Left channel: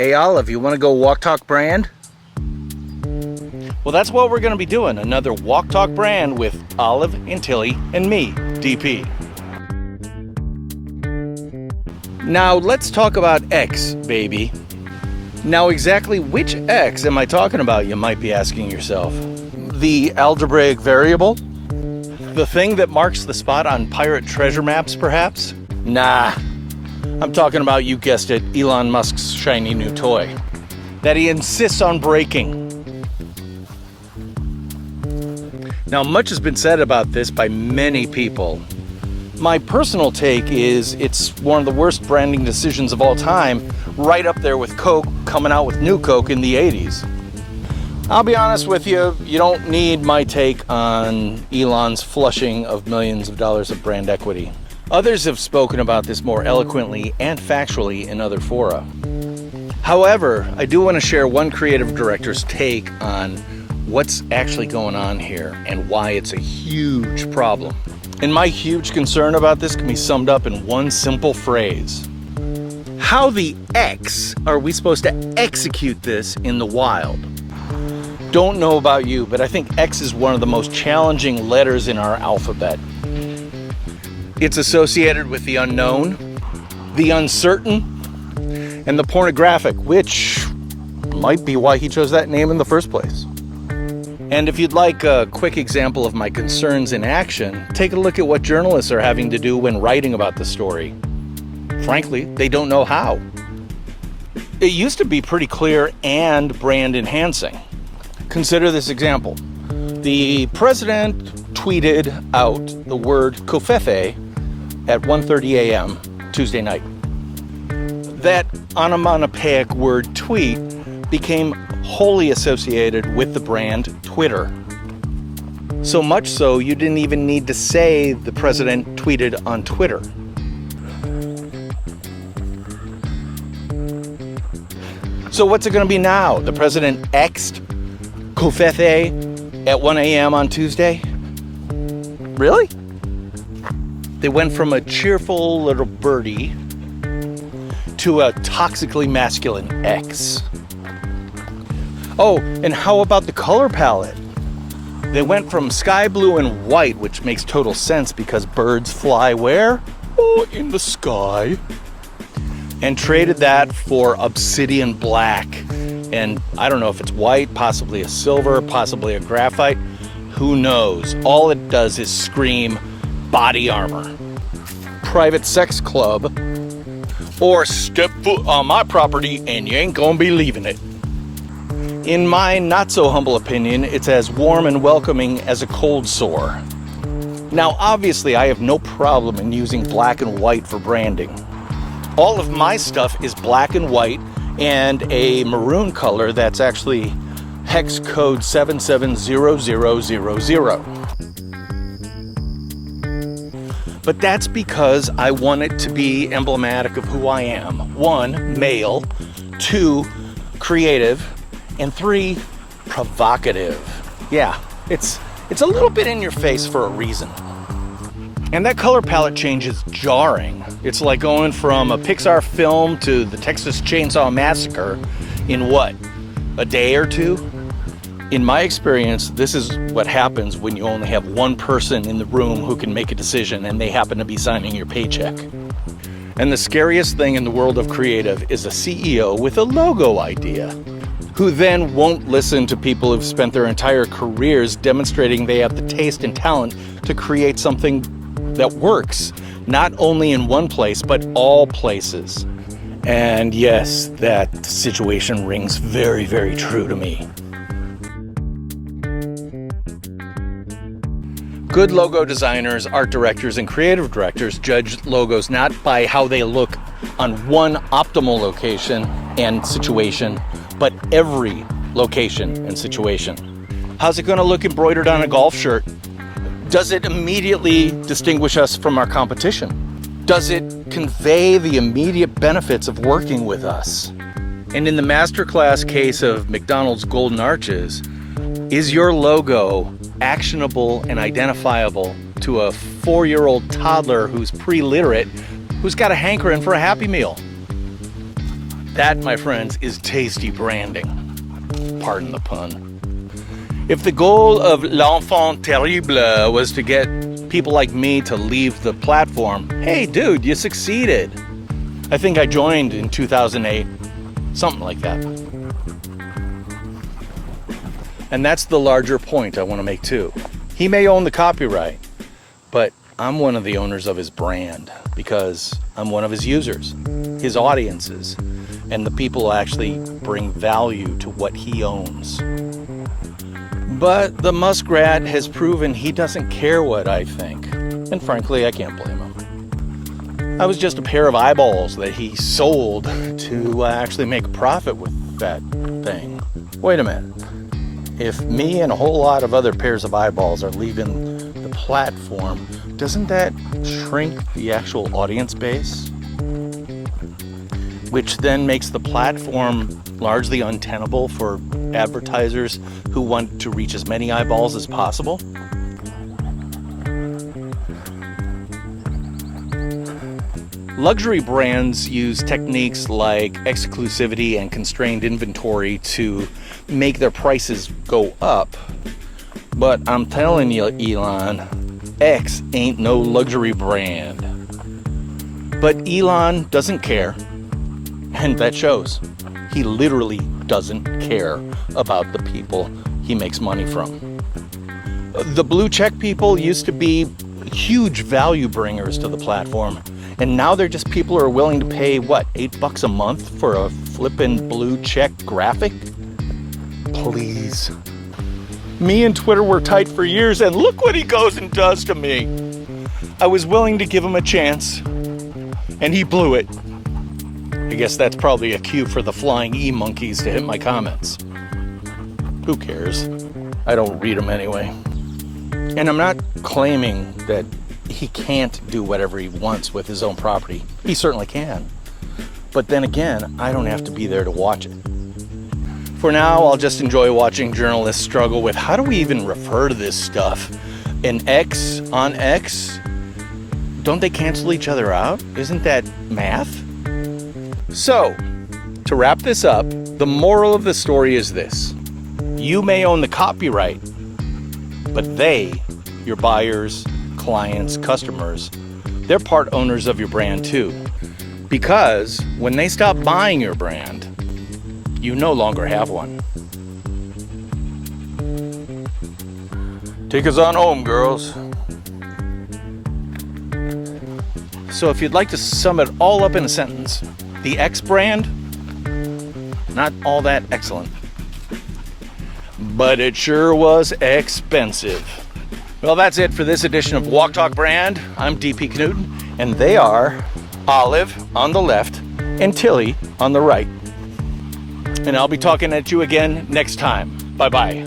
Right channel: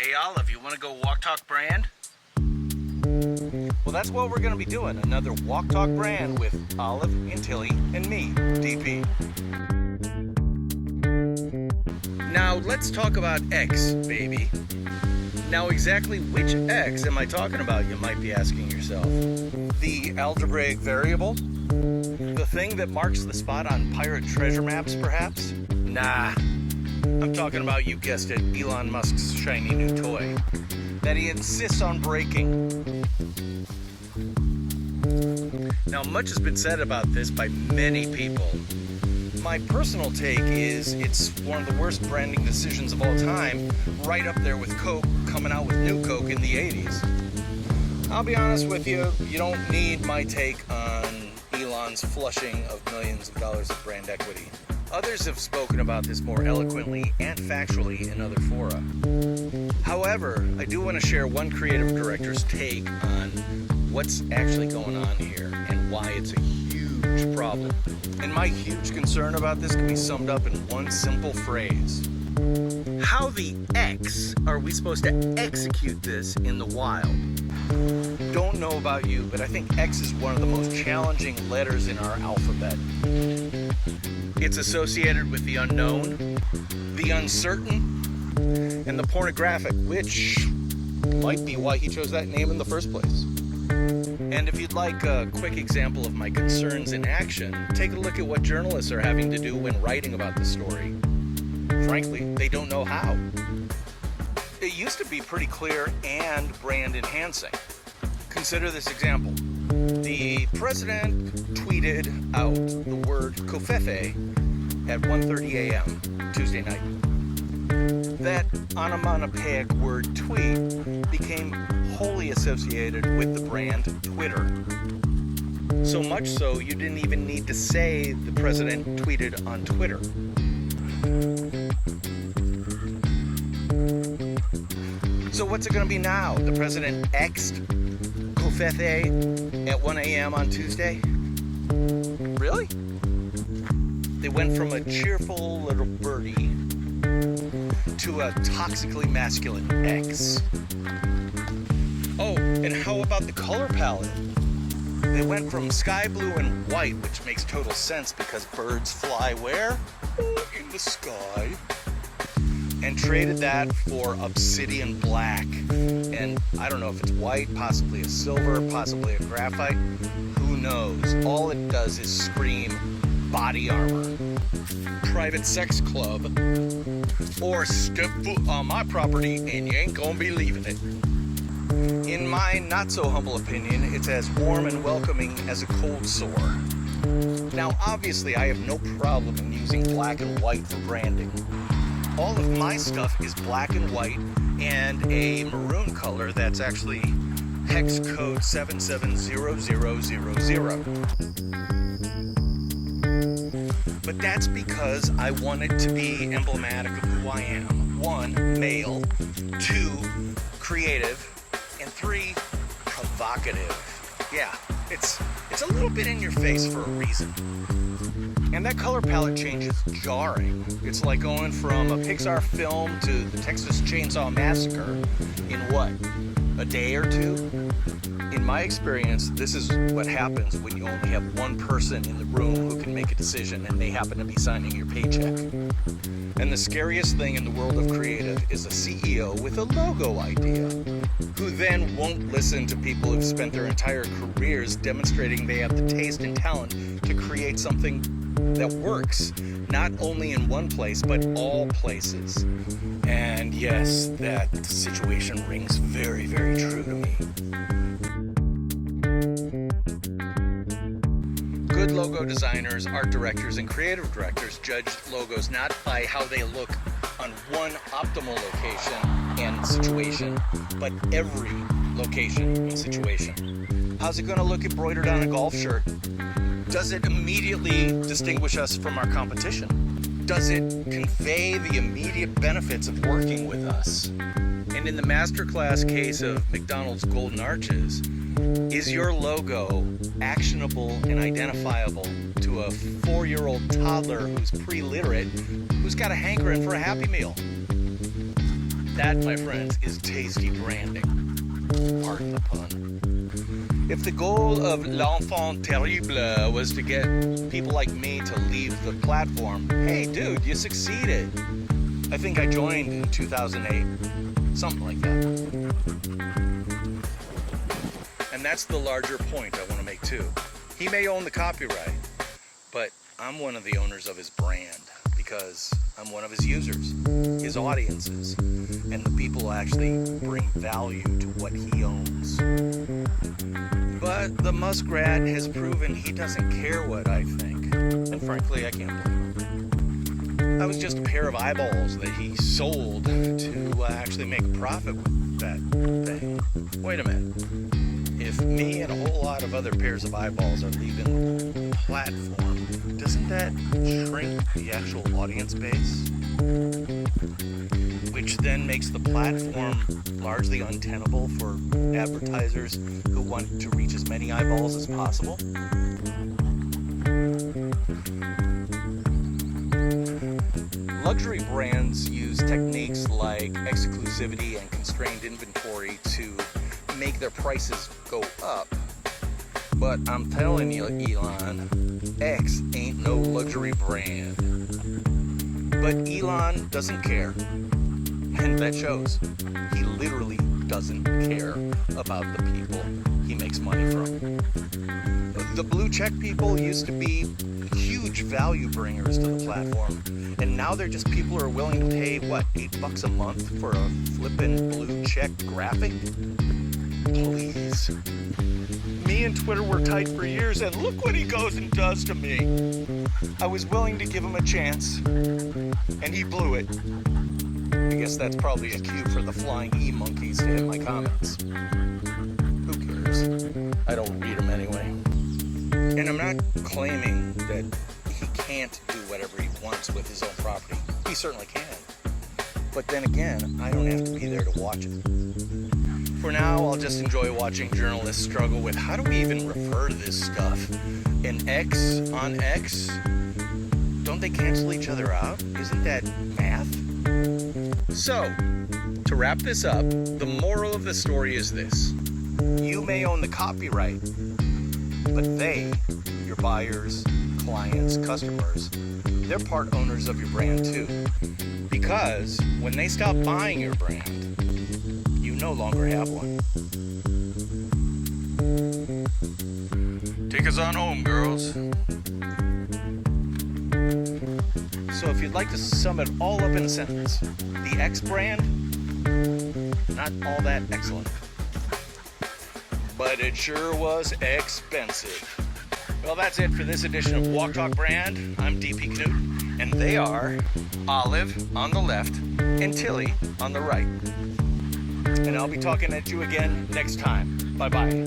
Hey Olive, you want to go walk talk brand? Well, that's what we're going to be doing. Another walk talk brand with Olive and Tilly and me, DP. Now let's talk about X, baby. Now exactly which X am I talking about, you might be asking yourself. The algebraic variable? The thing that marks the spot on pirate treasure maps, perhaps? Nah. I'm talking about, you guessed it, Elon Musk's shiny new toy that he insists on breaking. Now, much has been said about this by many people. My personal take is it's one of the worst branding decisions of all time, right up there with Coke coming out with new Coke in the 80s. I'll be honest with you, you don't need my take on Elon's flushing of millions of dollars of brand equity. Others have spoken about this more eloquently and factually in other fora. However, I do want to share one creative director's take on what's actually going on here and why it's a huge problem. And my huge concern about this can be summed up in one simple phrase. How the X are we supposed to execute this in the wild? Don't know about you, but I think X is one of the most challenging letters in our alphabet. It's associated with the unknown, the uncertain, and the pornographic, which might be why he chose that name in the first place. And if you'd like a quick example of my concerns in action, take a look at what journalists are having to do when writing about the story. Frankly, they don't know how. It used to be pretty clear and brand enhancing. Consider this example. The president tweeted out the word covfefe at 1:30 a.m. Tuesday night. That onomatopoeic word tweet became wholly associated with the brand Twitter. So much so, you didn't even need to say the president tweeted on Twitter. So what's it going to be now? The president X'd covfefe at 1 a.m. on Tuesday? Really? They went from a cheerful little birdie to a toxically masculine X. Oh, and how about the color palette? They went from sky blue and white, which makes total sense because birds fly where? Oh, in the sky. And traded that for obsidian black. And I don't know if it's white, possibly a silver, possibly a graphite. Who knows? All it does is scream body armor, private sex club, or step foot on my property and you ain't gonna be leaving it. In my not so humble opinion, it's as warm and welcoming as a cold sore. Now, obviously, I have no problem in using black and white for branding. All of my stuff is black and white and a maroon color that's actually hex code 770000. But that's because I want it to be emblematic of who I am. 1, male. 2, creative. And 3, provocative. Yeah, it's a little bit in your face for a reason. And that color palette change is jarring. It's like going from a Pixar film to the Texas Chainsaw Massacre in what, a day or two? In my experience, this is what happens when you only have one person in the room who can make a decision and they happen to be signing your paycheck. And the scariest thing in the world of creative is a CEO with a logo idea, who then won't listen to people who've spent their entire careers demonstrating they have the taste and talent to create something that works, not only in one place, but all places. And yes, that situation rings very, very true to me. Good logo designers, art directors, and creative directors judge logos not by how they look on one optimal location and situation, but every location and situation. How's it going to look embroidered on a golf shirt? Does it immediately distinguish us from our competition? Does it convey the immediate benefits of working with us? And in the masterclass case of McDonald's Golden Arches, is your logo actionable and identifiable to a 4-year-old toddler who's pre-literate, who's got a hankering for a Happy Meal? That, my friends, is tasty branding. Pardon the pun. If the goal of l'enfant terrible was to get people like me to leave the platform, hey dude, you succeeded. I think I joined in 2008, something like that. And that's the larger point I want to make too. He may own the copyright, but I'm one of the owners of his brand because I'm one of his users, his audiences, and the people who actually bring value to what he owns. But the muskrat has proven he doesn't care what I think, and frankly, I can't blame him. I was just a pair of eyeballs that he sold to actually make a profit with that thing. Wait a minute. If me and a whole lot of other pairs of eyeballs are leaving the platform, doesn't that shrink the actual audience base? Which then makes the platform largely untenable for advertisers who want to reach as many eyeballs as possible. Luxury brands use techniques like exclusivity and constrained inventory to make their prices go up. But I'm telling you, Elon, X ain't no luxury brand. But Elon doesn't care. And that shows. He literally doesn't care about the people he makes money from. The blue check people used to be huge value bringers to the platform. And now they're just people who are willing to pay, what, $8 a month for a flippin' blue check graphic? Please. Me and Twitter were tight for years, and look what he goes and does to me. I was willing to give him a chance, and he blew it. I guess that's probably a cue for the flying e-monkeys to hit my comments. Who cares? I don't read them anyway. And I'm not claiming that he can't do whatever he wants with his own property. He certainly can. But then again, I don't have to be there to watch it. For now, I'll just enjoy watching journalists struggle with how do we even refer to this stuff? An X on X? Don't they cancel each other out? Isn't that math? So, to wrap this up, the moral of the story is this. You may own the copyright, but they, your buyers, clients, customers, they're part owners of your brand too. Because when they stop buying your brand, you no longer have one. Take us on home, girls. So if you'd like to sum it all up in a sentence, the X brand, not all that excellent. But it sure was expensive. Well, that's it for this edition of Walk Talk Brand. I'm DP Knudten, and they are Olive on the left and Tilly on the right. And I'll be talking at you again next time. Bye-bye.